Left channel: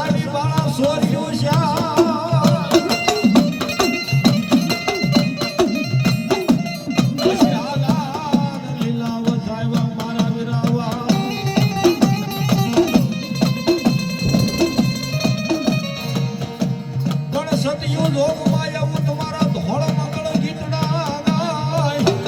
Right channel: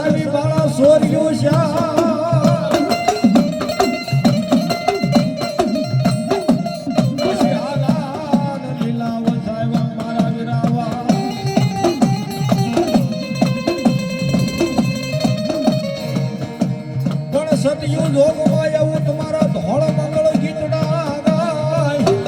વસાવી વાળા સોર્યો સતયુ જોગમાં એવું તમારા ધોળ મંગળ ગીતના ગાય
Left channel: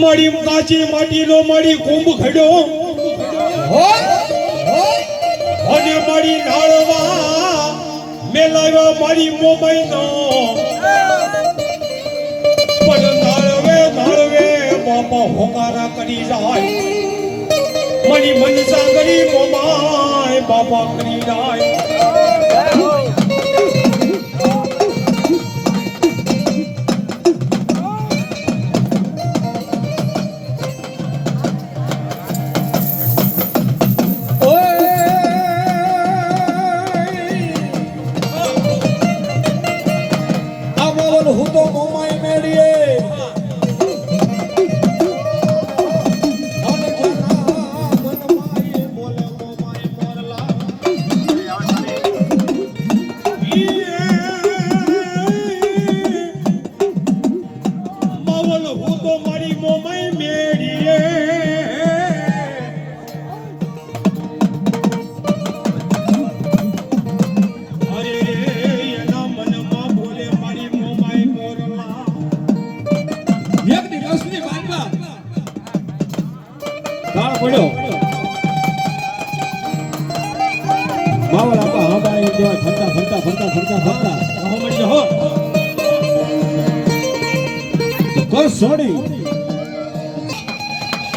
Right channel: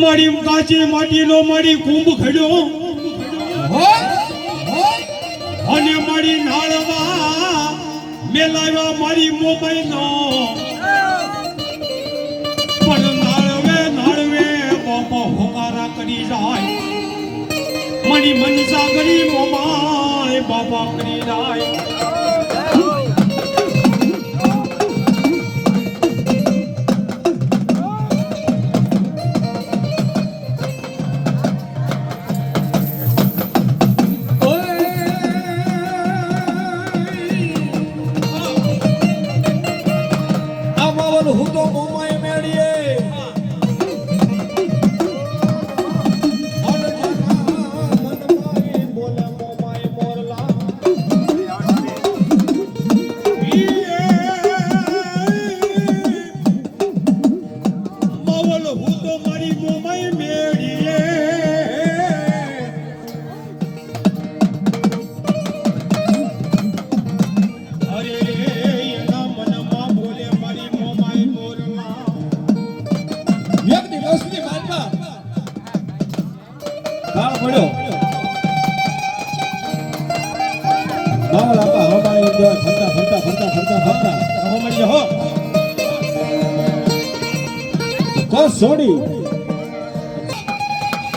મારી કાચી માટીનો મારી કુંભ ખડ્યો અને મારી નાળવા મેલાવ્યા મારી મોબાઈનો પણ નાળવે બાપા હોકારા કરી જાય મારી મનસા કરી મોમાય બાપા કરી જાય હું તો મોમાઈ મેળીએ પડ્યો બાવળ આપા હવાઈ દેવા ફરતા હો મળી હો કોઈ છોડી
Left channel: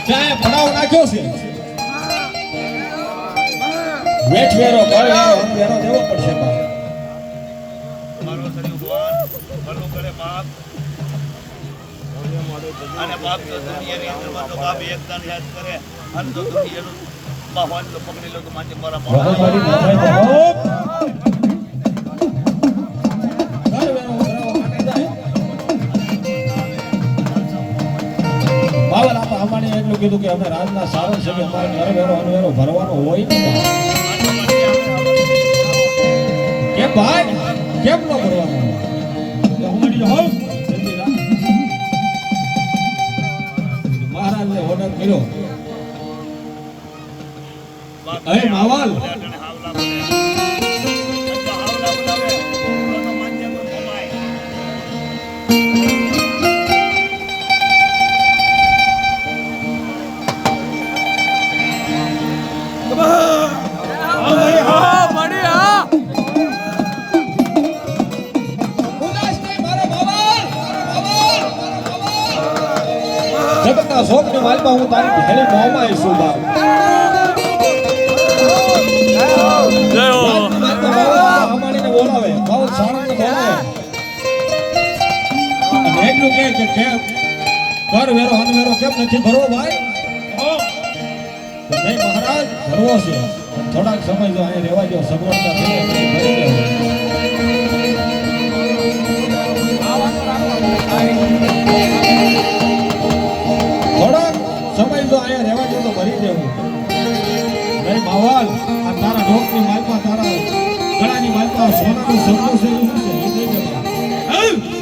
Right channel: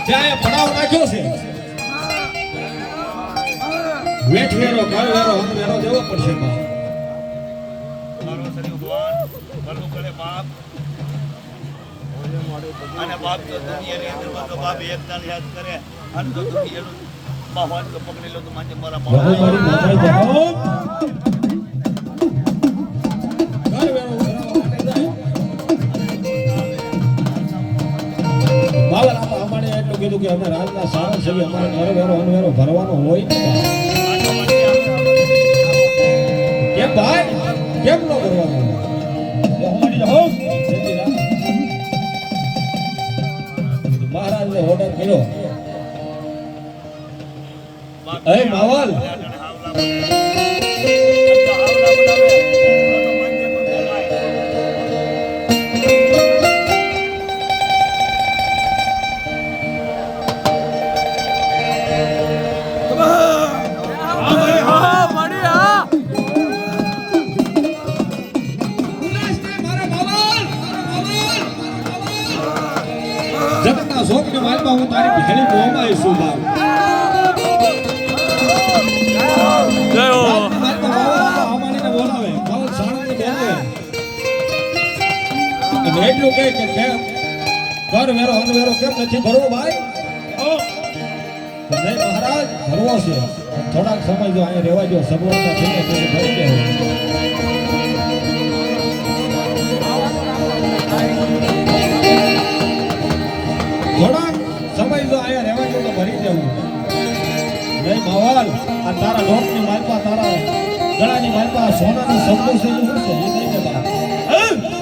જાય ભણાવ નાખ્યો છે વેઠ વેરો કાળ વેરો હમ વેરો દેવો પડશે મારો શરીર ભગવાન ભલું કરે બાપ અને બાપ તો દુનિયાની અંદર તો બાપ એકદાન યાદ કરે અને તો દુનિયાનું બાહવાન તો પકડી લો તો માજે મારા મોઢા કીધું કે અમે રાજના સારા છે અમારે નરવેરો અનવેરો ભરવાનો હોય કેમ ભાઈ કેમ ન ભરવાનો મહારાજને ઓર્ડર કર્યો એ માવલ હાવલા બોલે હાવલા બોલાવે તો માજે પર મોમાય હું તારી ભેળી મોમાં છું બાપ અમારીને બોલાવે બહુ સાણંદ બોલાવે અને એટલું કહે કે કેમ ઘર વેરો અનવેરો કેમ નથી ભરવો ભાઈ નહીં મહારાજ ભરવો છે થોડાક સમય જો અહીં રહેવા દો સગવડતા થઈ ભરી દેવો સમય જો અહીંયા રહેવા દો તો ભરી દેવું નહીં માવલ આ તારા ઢોકની માલપા તારા ગળાની માલપા સોનાનું સગડું છે શું છે એ થઈ જવા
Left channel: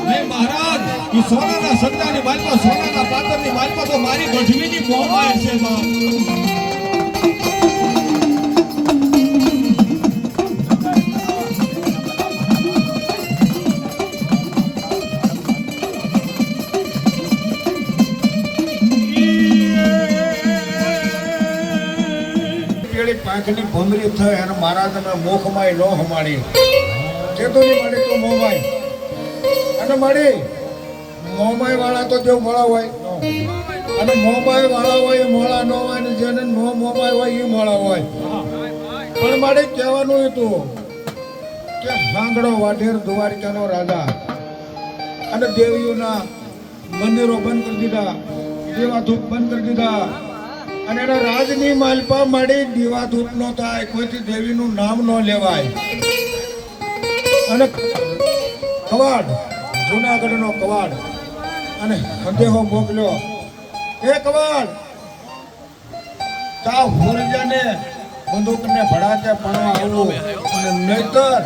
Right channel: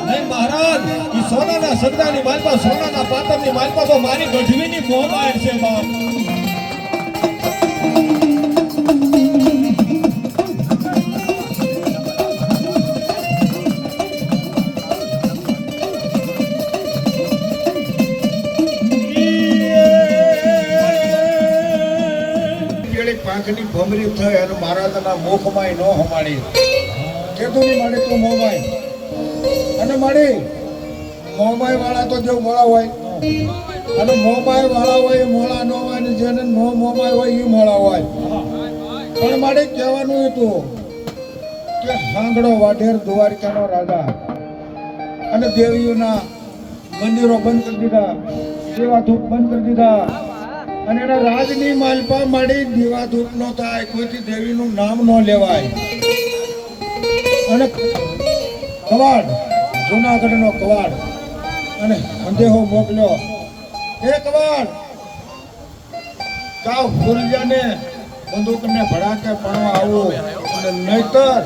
નહીં મહારાજ એ સોનાના સગડાની માલપા સોનાના પાતળની માલપા તો મારી ગઢવીની મોહમાય છે બાપ પાંચની ભમરી થઈ અને મહારાજના મુખમાં ન હમાડી કીધું નહીં માડી તું મોમાય અને માડી મોમાય વાળા તો જેવું મોળા હોય અને મોમાય વાળા હોય એ મોળા ન હોય ને જેને નો મોમાય હોય એ મોળા હોય પણ મારે કહેવાનું હતું કે હાંગડો વાઢેર દ્વારકાનો રાજા અને દેવીઓના મંદિરો બંધ કરી દીધા, દેવાધૂપ બંધ કરી દીધા અને એના રાજની માલપા માડી દેવાધૂપ ન થાય, કોઈથી દેવીનું નામ ન લેવાય. અને કવાડ, જૂનાગઢનો કવાડ અને અંધેહો મોકલ્યો, એ કવાડ કા હુરજાને બંદૂકને ભડાકે પડવા આવું અને નહીતર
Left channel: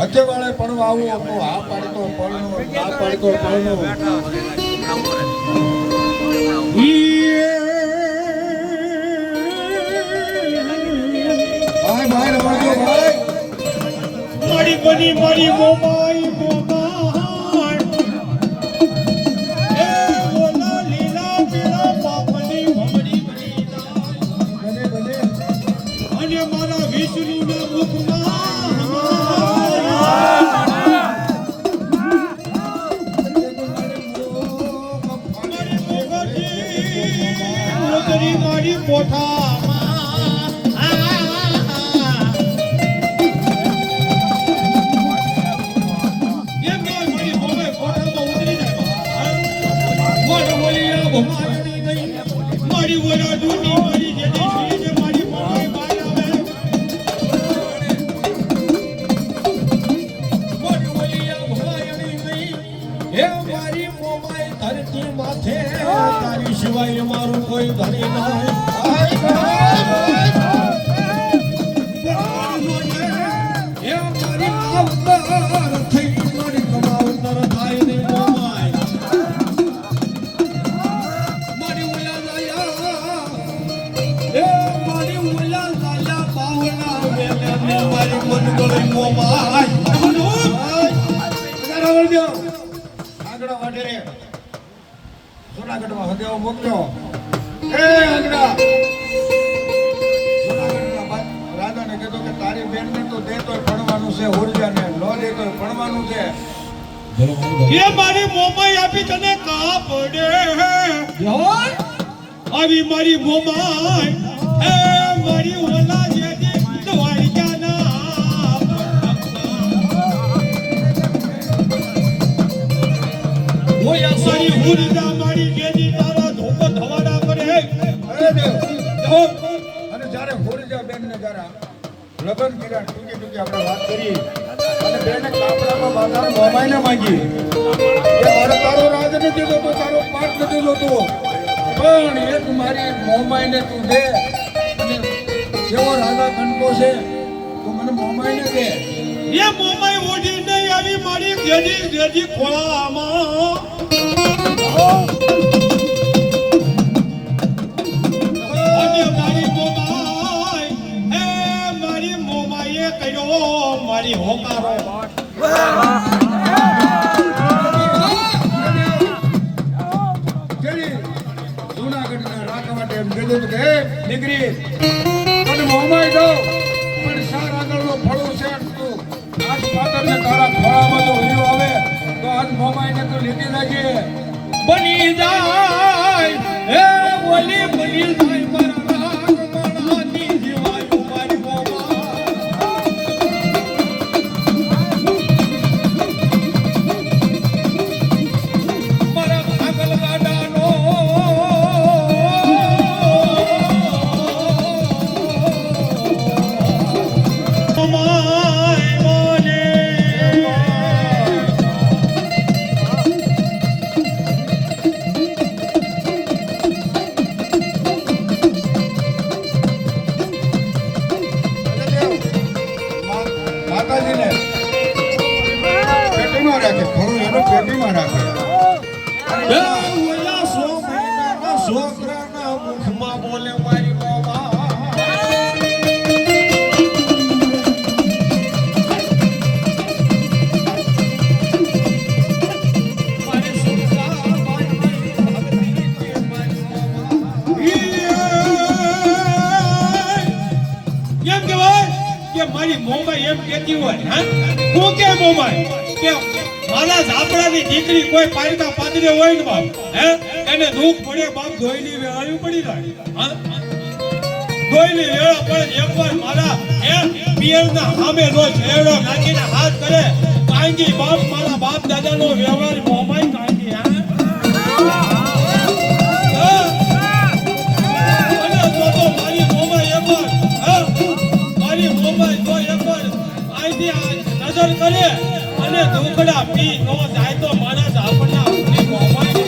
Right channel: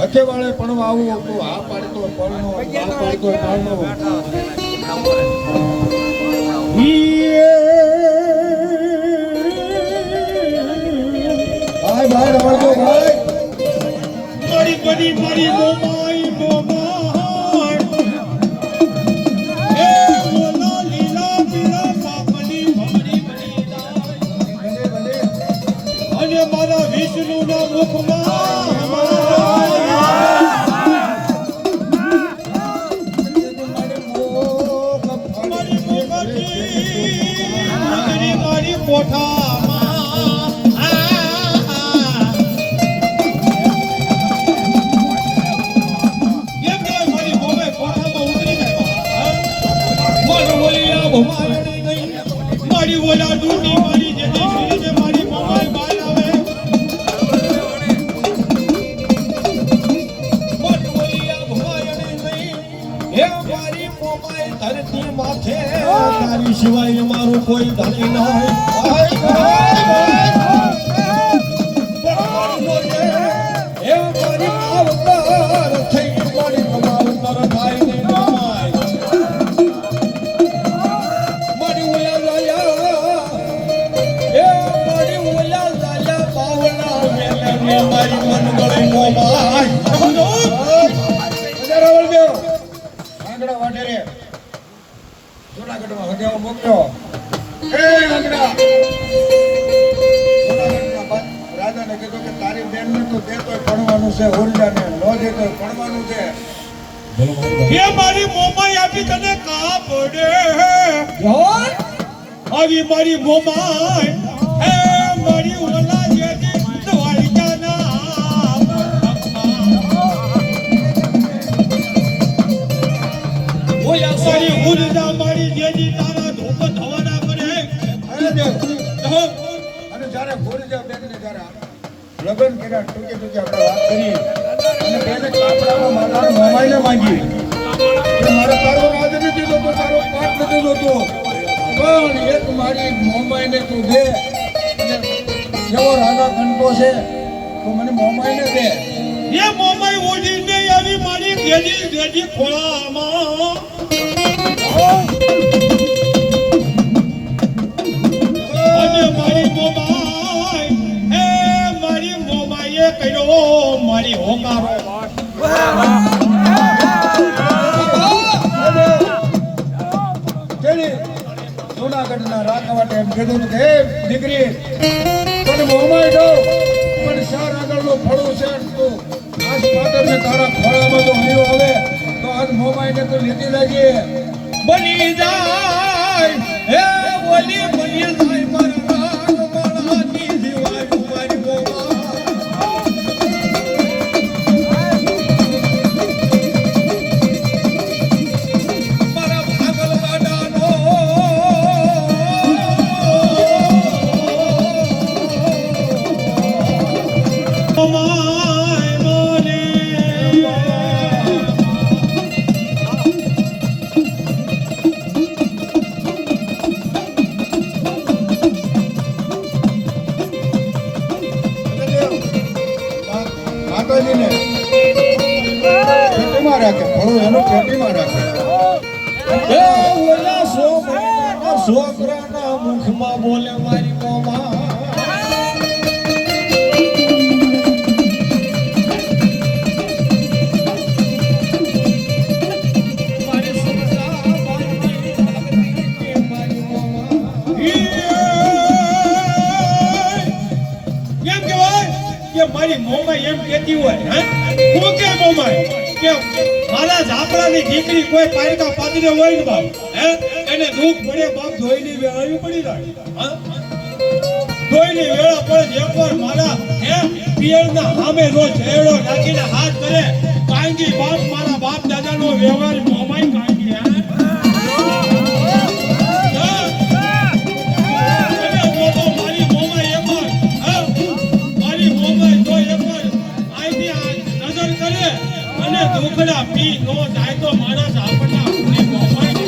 હથે વાળે પડવા આવું. તો હા પાડી તો પડનો, ના પાડી તો પડનો. ભાઈ ભાઈ રમણજો ભાઈ. મારી બની મારી મોમાઈ મોમાઈ એ ઓલા લીલા પીળા પાપની ભમરી બની જાય ભલે ભલે. અને મારા વિષ્ણુના મુખમાં મારી મોગરી મારી કોઠામાં એમ કહેવાય મારી મોમાઈ કોઠામાં ઉતરી જાય મારો ઓલિયા ભમાણી ગઈ મારી ઓલા ડૂટી મારી જેની શ્રી છે મારી મોમાઈ બહાર આવે મારી ઓલિયા ભમાણી ગઈ હે મારી મોમાઈ ધરતી માથે તારી સિવાય મારું કોઈ ધણી નહીં. હે મારી માવતર થઈ મારી માવતર થાય ને મોમાઈ મારી ઓલા લાયા હે મારી ઓલા લાયા પાવના મેલે મારી મન ગળે મોમાઈ રાવણદેવ આંગણો વાઢેરે જૂનાગઢમાં હદેવો મોકલ્યો. એ આંગણા જૂનાગઢનો રાજાને કીધું કે તારી બેનને તો દેતોય ભણવાનું છે, હોલિયાને ન દેતોય ભણવાનું છે. એ મારી મોમાઈ આપી તને કા પડે આવી મારી મોમાઈ એ મારી ઓલા જેની દ્વારકાના ઓયા સારી ઉર્જા મારી જેની તારા ધોપ ધવાડા કરે અરે દેવ હો અને જ્યારે હોલિયા બેનને જ્યારે લગ્ન કર્યા ટૂંકે ટૂંકે આપણે વાત કરી અને બેને કાપડામાં માતાના મામાઈને માંગી કે મારો તારો રાજ નથી જોતો, તારો પાઠ નથી જોતો, પણ એક મારી મોમાઈને તું દે અને જેવો રાજા કંટો છે તો મને મોમાઈને દે. એ મોમાઈ ઓઢી નહીં આવી મારી જેની જેજી ખોળામાં અને મારી મોમાઈ એ મારી મોમાઈએ કર્યો મારી હોકારો કેવી જૂનાગઢના રાકવાટે એમ કીધું કે હે દીકરી તને મોમાઈ દઉં પણ શાર આગળનો ફળું છે તું આજ પાટણને તારા ખોળામાં જો હીરો આવે તો આજ મોમાઈને તો લીધી લેજે. બની જાય હે બોલી બની જાય મારા માણાની જીવાય મારી મોમા મારા ભાગલવાડાનો મોમાઈ બોલે માતાજીને પેટીમાં રાખે, ફળું એનું પેટીમાં રાખે. હે ઓલા સો મહિનાના છોકરાના મુખમાં બોલે મારી મોમા મારી સુરતા મારી મારી મોમા એમ કહેવાય કે મારી મોમાઈ એમ કહેતી હોય હા તું કે મોમાઈ કે મારા ઝાપડાની દીકરી કોઈ પાયકા પાદરી હોય ને બાપ હે એને દુઃખ પડે બાપ ધોઈની વેળાયું પડી જાય હા ધોઈની વેળા પડે એકવાર મારા પિયરના સામે નો ઝેરો નાખીને હાથ કરે કાંગી બાપ મારા બાપ દાદાનો વ્યવહાર મોમાઈ કાંગી હા અને તો મારી મોમાઈ એકવાર હા મારી મોમાઈ તો એકવાર આઈથી નજર કરે અને દુખડા પી નો જાય તો માણસ આપણને આપણી મોમાઈ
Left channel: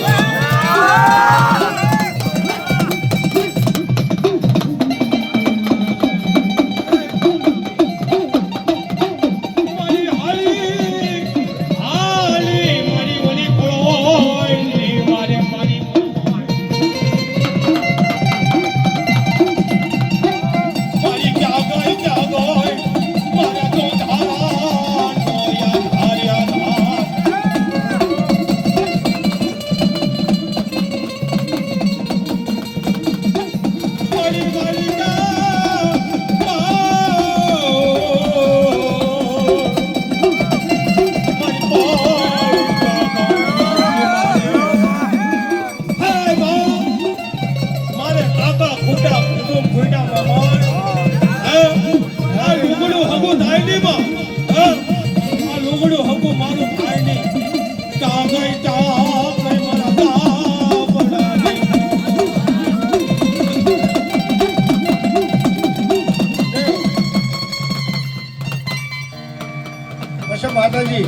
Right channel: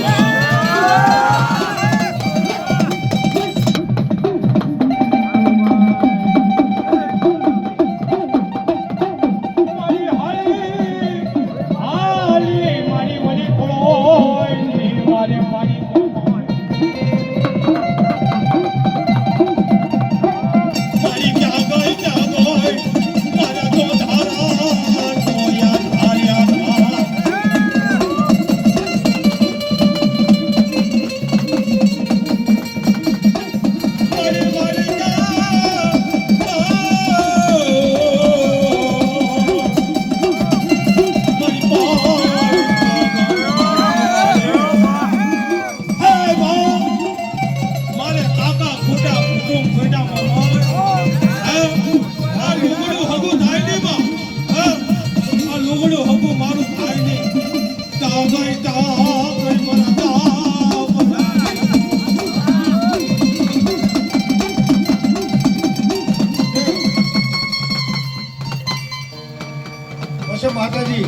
માતાજી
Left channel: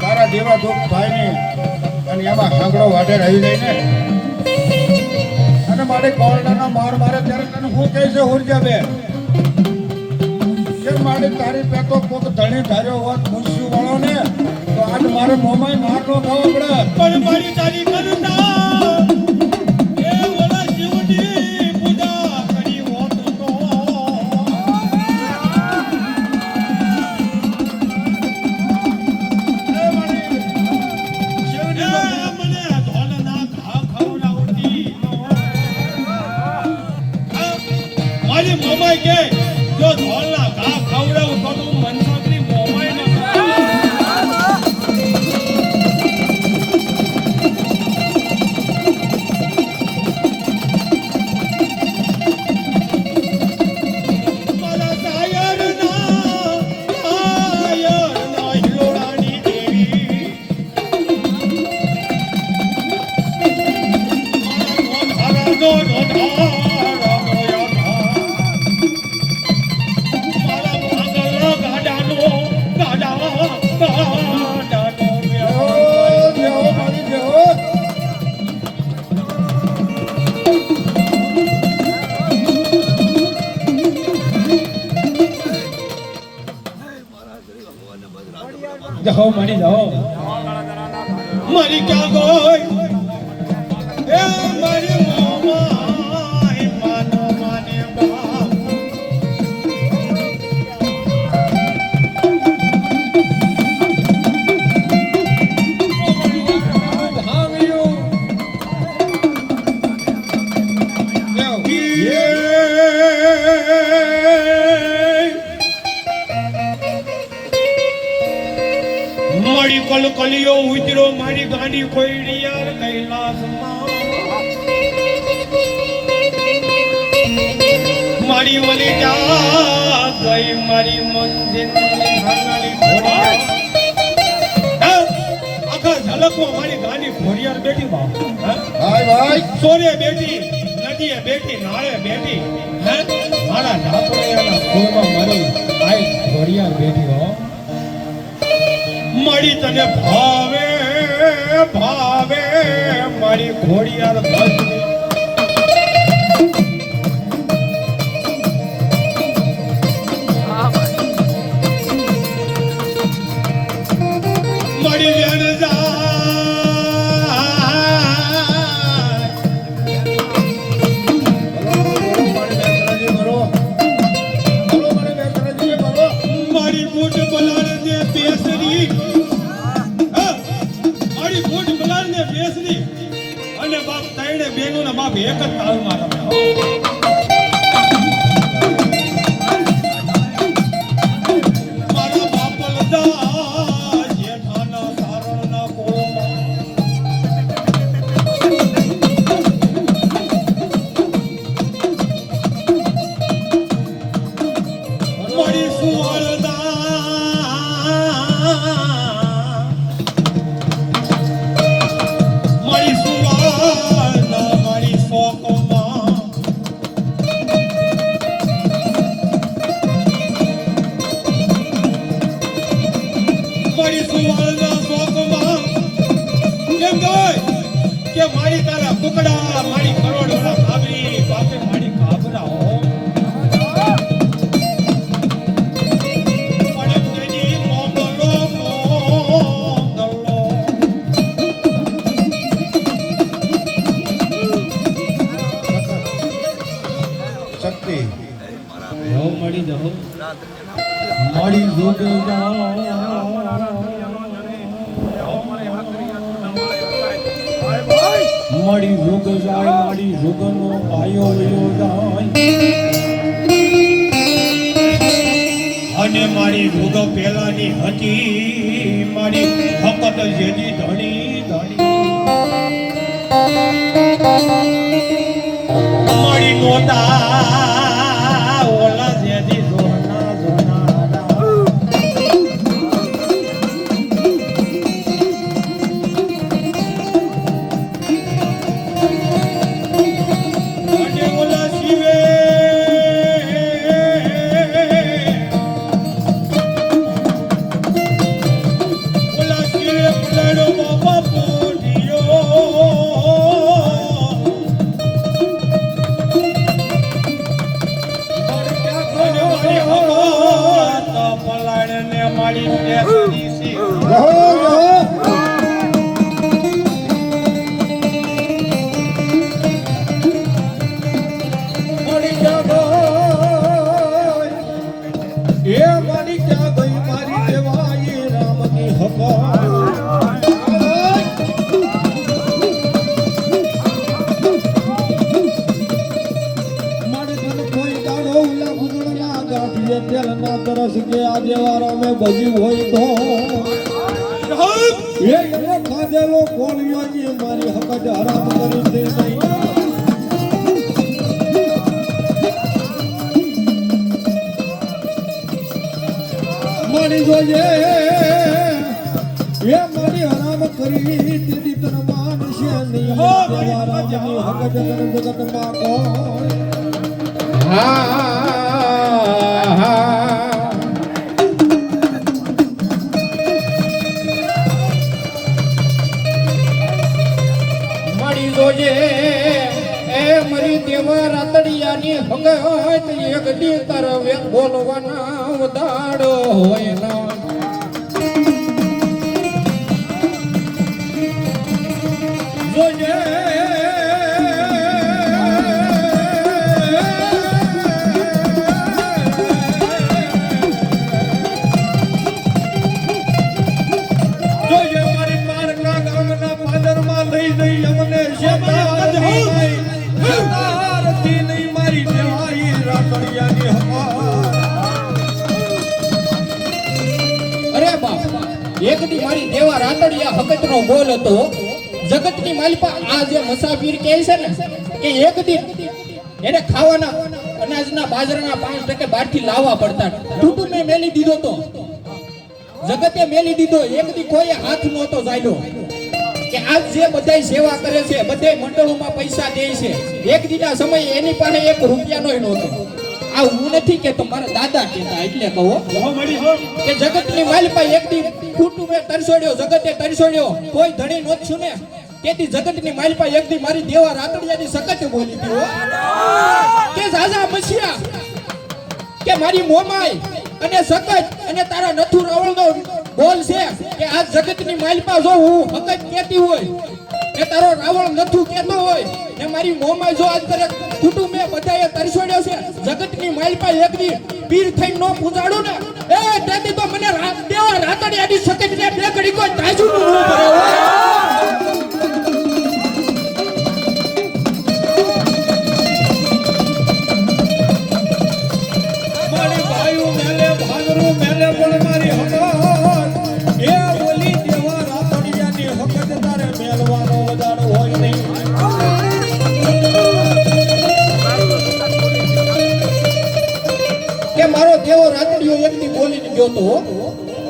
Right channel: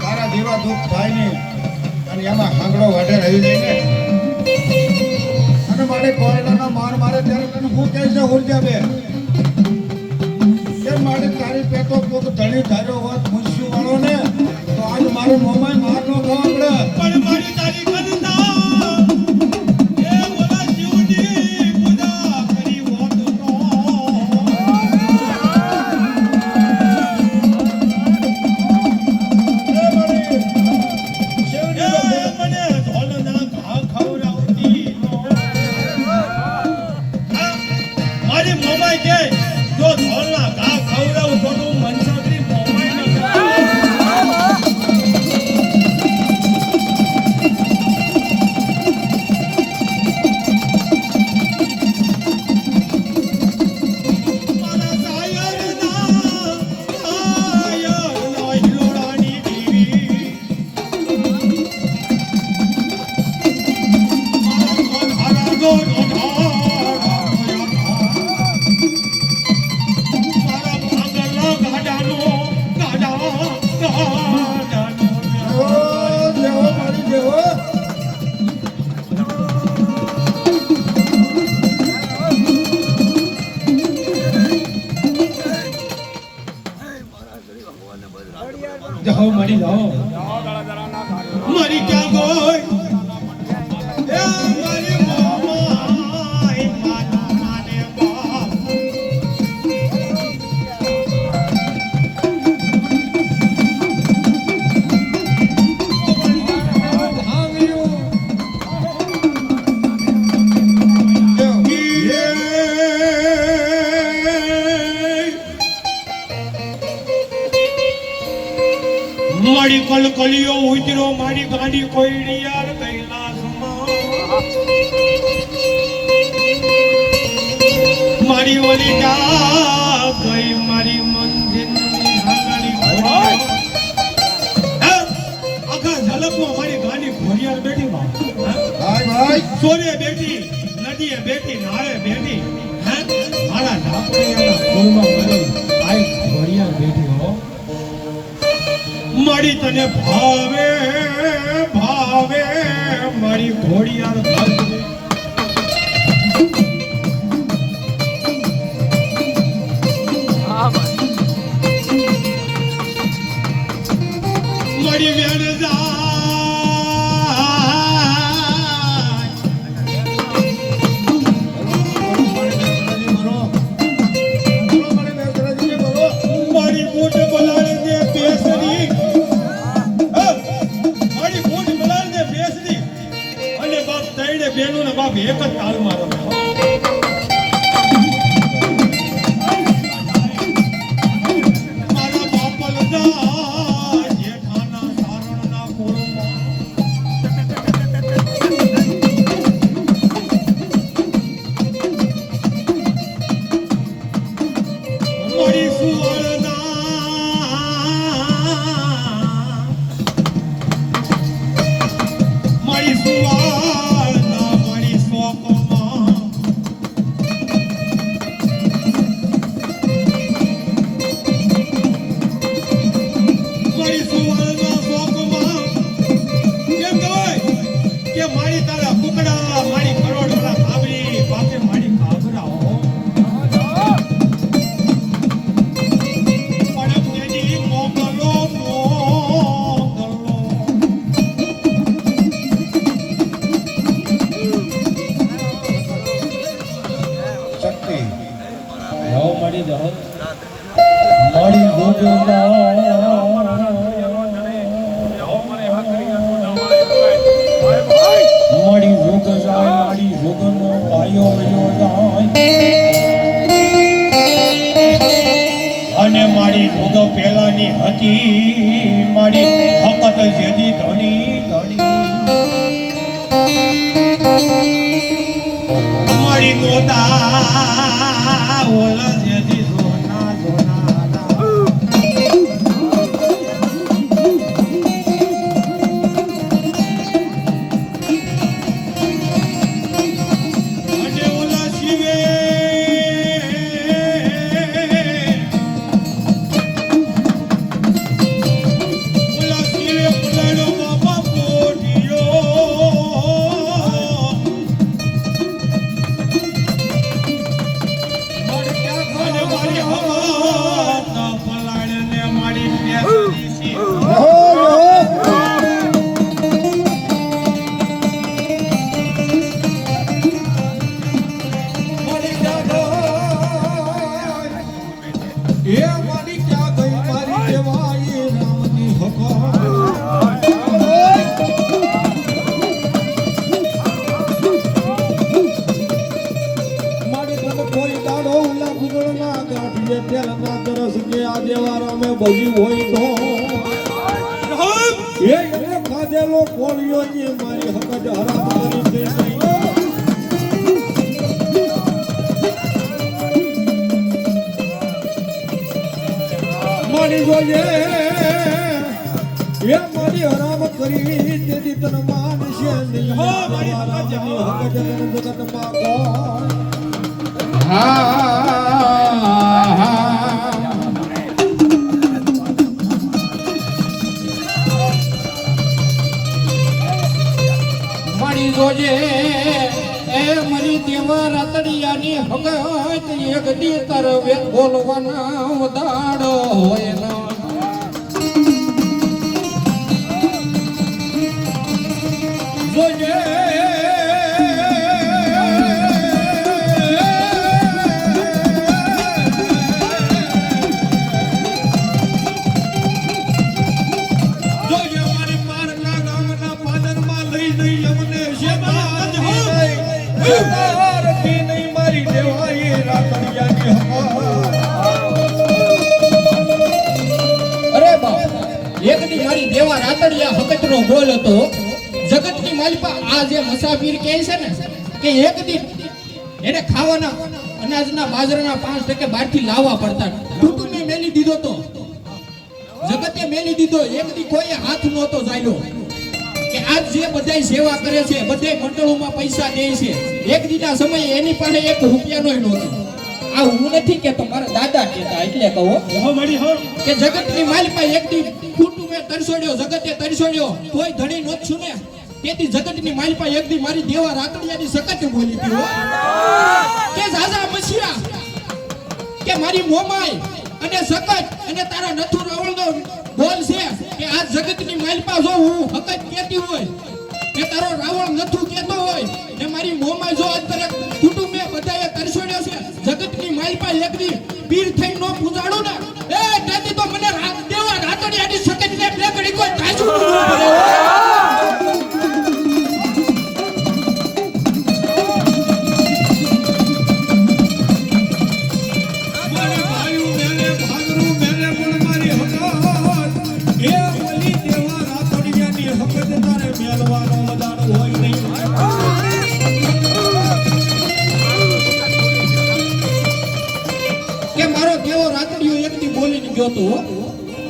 તારા દેવા દુઃખ ભાઈ ને અને એમાં હાંગડો વાઢેર આવી જાય ને અને માટે કોરડાનો માર મારે ત્યારે તને હું કહે છે ઉર્જા બે કે મારે તારી પેટો કોક ધણી ધાર્યો હોત મુન્સી વાળો ને તો આજ મારે મોમાઈ માર નો ખાવા પડે પણ મારી તારી કરુણા એ ઓલા જીવની પૂજા કરી હોત તો મને ધોલના ઘા ખવડાવતી મારી મમ્મી કે જો ધોલના ઘા ખવડાવું તો તું મનસાગરી મોમાઈ ન મારા સાયરના હિરોડાની દેવી મારા ધોધારાનો મારા ભાંગલા ગાડાનો વ્યવહાર દેવો મારી દેવો જાઓ મારી જાઓ મારી ક્યાં ગોય એ મારી મોમાઈ માનો માને બાપ મારી કલકલિયો ઉતરો મારી ગાડી કોઈડી યાર કૈલાસમાં મારી ઓલી જા ગઈ મારી મંજિલ હાંગલી ઘોડિયા આખા ઝલકમાં મારી ગાડી ઘોડિયાર બેઠી બાપ ભાઈ ભાઈ સોરે બેઠી નદીએ બેઠી નાળે બેઠી હે મારા ઢાપડિયાના ફૂલમાં મારી આઈ ઘોડિયાર બેઠી હો મારી તને ભાવે ભાવે મારી ઘોડિયાર ભાવે મારી વેણ મારી બૂટ બલાડ ને બેસરી મારી બૂટ બલાડ ને બેસરી અને બાપ તઈને બે સુવાળના મારી શોકમાં મારી સુવાળના શોકમાં કેમ કહેવાય કે મારી તારા કુકડા મારી કરોડવાળા કાબરી બાપે મારી કાબરાઓ પડકની મોગલો શક્તિ જાઓ મળી જાઓ મળી મળી ભૂગ જાય મળી ભૂગનો પાયો વયો જાય અને મારી ભોગ પેલાની હતી મારી હકત જેદી ધણી ધણી મારી ગોતા ઓલા જેદી સોના સોના અને ઓલા શિવે ઓલા શિવે પલાડો બાપા પોઢિયો અને મારી હકત પલાળને મારી પેલી સી એ મારી ક્યાં ગઈ મારી દેવાઈ રામની હકા મારી તને કોઈ દાડો ઉલા ગુદળના ગાંઠીએ તેલ ના તરસ કે આ દેવારા મેં ભજી હોય તો એ એને ખાધેલો કોળિયો ને મારી હક જ હરામ કરી દે નહીં મારી જોજે એ મારી હરામ કરી તેથી તને માનશે નહીં હો, મારી રામની હક જ તને જગતમાં કોઈ મારી જોજે એ મારી દેવા રાતડિયાની હગત એક દી તારે બોલવાના દાડો હોય ના જોજે જોજે મારી પારના ગામના પાદરમાં લઈ જઈ અમને શેતારતી નહીં મારી દેવાઈ રાતડિયાની અરે બાપ એક દી મારી દેવા રાતડિયા હકતનો બોલ હતો જગતની માલિપા આ જે મુસાફિર કહે છે ને કે એક દી એને ખાવાના અનાજના બાજરાના 5% બહારથી લાવવા પડતા કુટુંબે મેલી દીધો તો જગતે મેલી દીધો એક દી કોઈ હાથ નહોતો ચાલ્યો કે આજ જે બધાય સેવા કરે છે બધાય મંડળોમાં પૈસા દે છે એક દીના સમયે એની પાસે 1 રૂપિયાનો નહોતો આ હું નથી કેતો મારા દાદા કહેતા એટલે કહો હો મળી હો કે જગતની માલિપા એક દી કુટુંબે તરસોડ્યો જગતે તરસોડ્યો કોઈ ધણી નોત છુને તેથી જગતની માલિપા એક દી મારી દેવા રાતડિયાની સકત બોલી ગયો કે જાજા મશીરા કે મારી મોમાઈ અને સકત અને તારા નથુ રાવળનો બોલ છે કે આ જગતની માલિપા જો હું હકત કહેતી હોય કે તારો રાવણ નથુ કહેતો હોય ને મારી મોમાઈ જો આજ તરત કુટુંબે બધાએ તરસોડ્યો છે જગતની માલિપા એક દી પીર થઈ નો પૂજાડું ને એ તેથી તો મને દેવા રાતડિયાની સકત ને બે ઘડી કોઈ તાજું ન પડે મારી ભાઈઓ મેલે ભાગરું મેલે બોલ મારી હકત એ બોલી દેવા રાતડિયાની હકત તારે મેલવાનો વધારો હોય નહીં કે મારો દેવો રાતડિયો એક દી બોલીને ગયો તો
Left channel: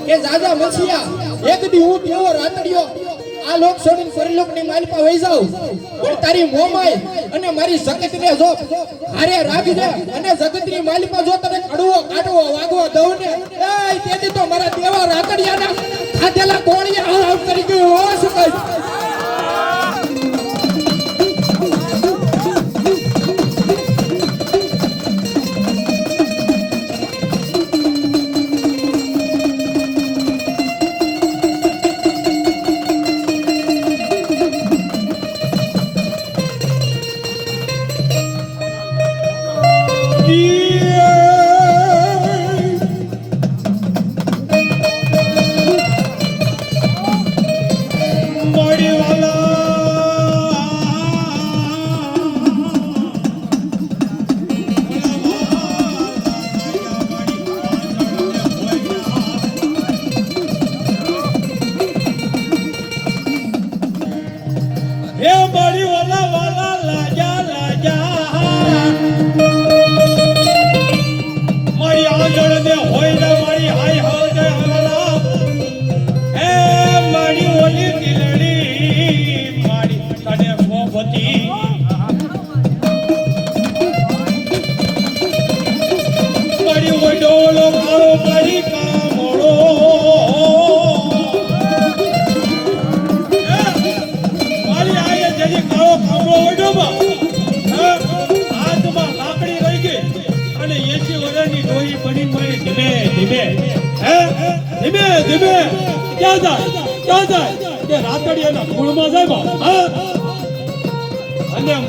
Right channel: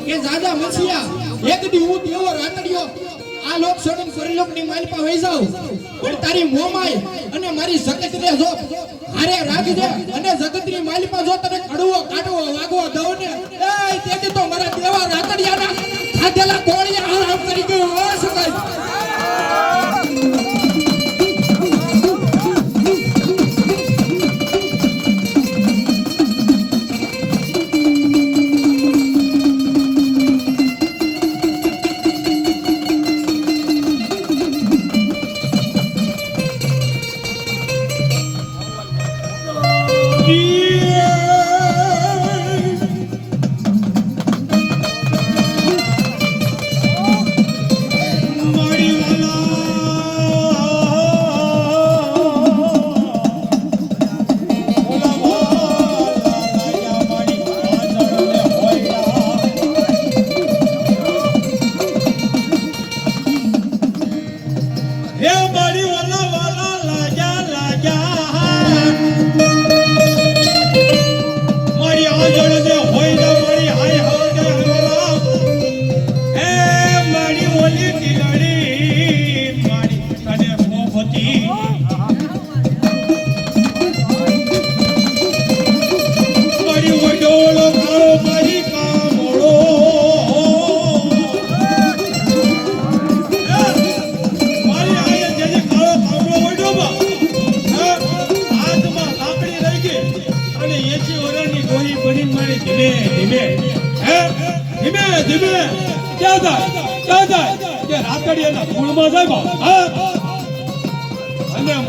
કે જાજા મસીયા એક દી હું દેવો રાતડિયો આ લોક છોડીને પરલોકની માલપા વઈ જાઉં પણ તારી મોમાઈ અને મારી જગતને જો હારે રાખજે અને જગતની માલપા જો તને કડવો કાઢવો વાગવો દઉં ને એ તેથી તો મારા દેવા રાતડિયાના ખાધેલા ગોળિયા આમ કરી ગયો હો શું કહી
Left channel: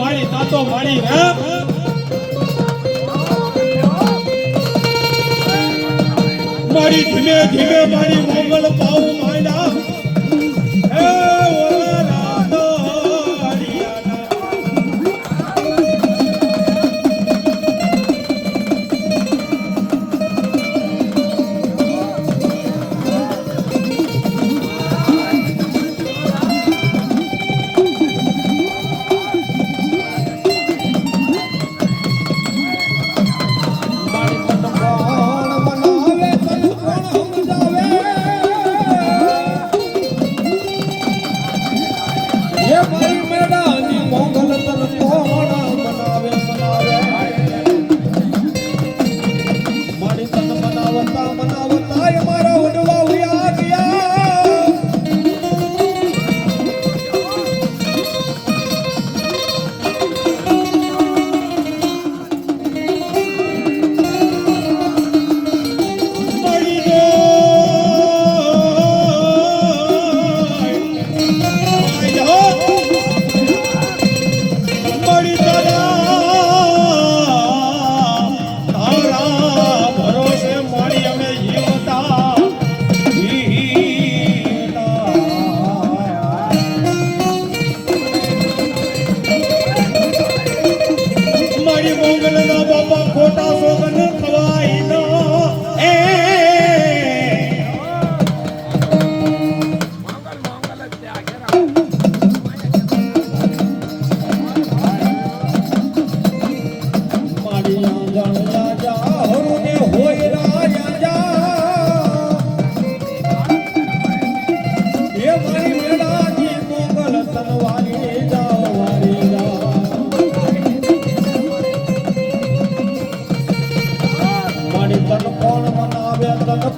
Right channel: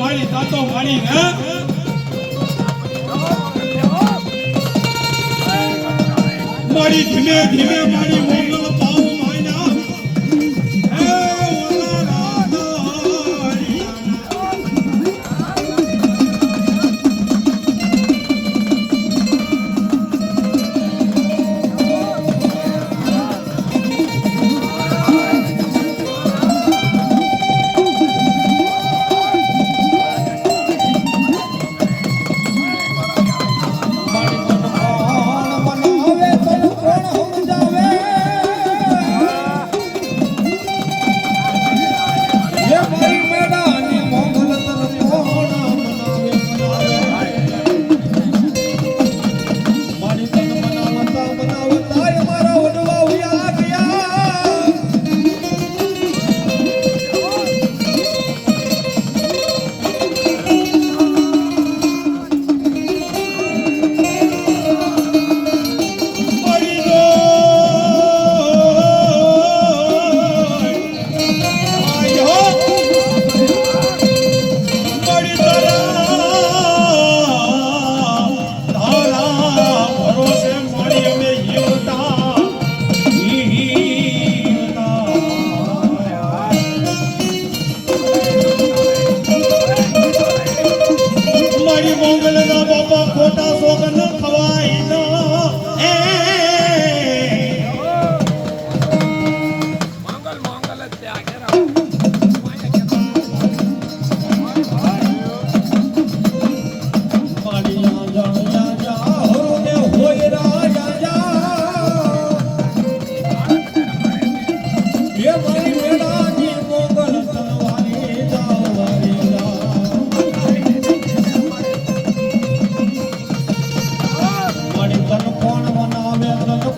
મારી તાતો મારી હે મારી ધીમે ધીમે મારી મોગલ પાઉ માયના હે ઓલા રાધરિયાના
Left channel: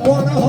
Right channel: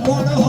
કોણ